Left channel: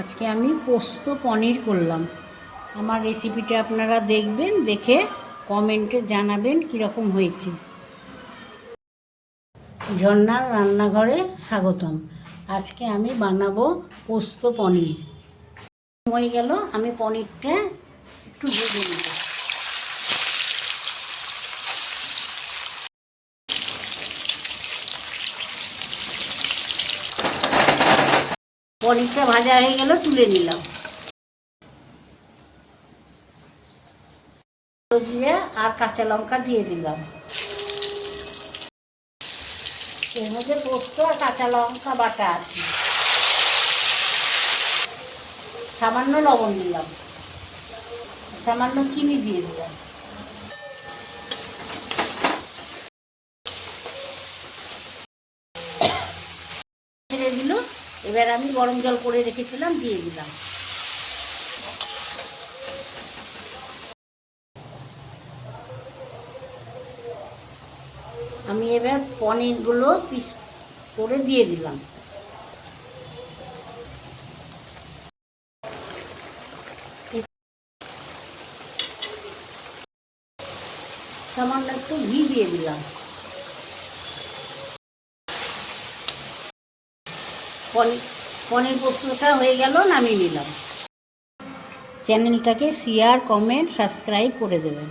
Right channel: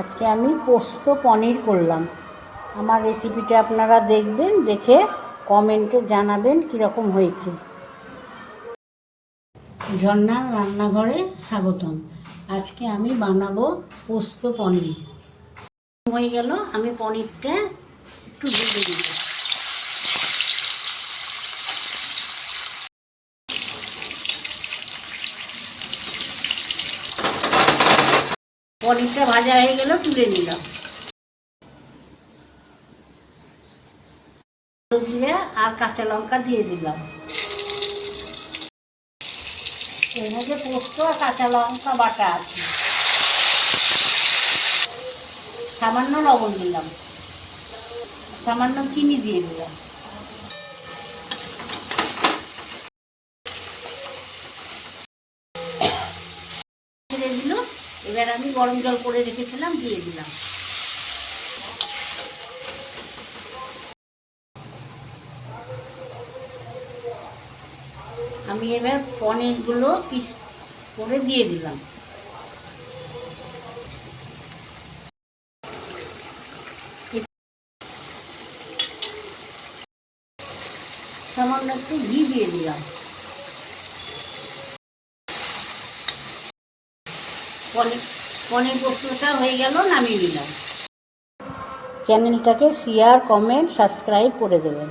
আজকে আমি পোস্ত পনির করলাম। আমার রেসিপিটা আপনারা দেখবেন, দেখে কমেন্টে জানাবেন কীরকম হয়েছে। ঝর্ণার রান্নাঘরে স্বাগতম। আজকে আমি বানাবো পোস্ত পনির। হয়ে গেল, আমি পনিরটা একটু ভেজে নেব। পনিরটা ভাজা হয়ে গেল, তুলে নিলাম। জিরে আর কাঁচা লঙ্কা দিয়ে দিলাম। এর পোস্ত আর কাঁচা লঙ্কা বাটা আছে। সামান্য লবণ দিলাম। সামান্য চিনি দিয়ে দিলাম। এবার আমি গরম জল করে রেখেছিলাম, দিয়ে দিলাম। আমি এবার পনিরগুলো পিস করে দিয়ে দিলাম। সামান্য একটু ঘি দিয়ে দিলাম। পনির পনির পোস্তটা হয়ে গেল নামিয়ে নিলাম। চ্যানেলটাকে শেয়ার কমেন্ট সাবস্ক্রাইব করে দেবেন।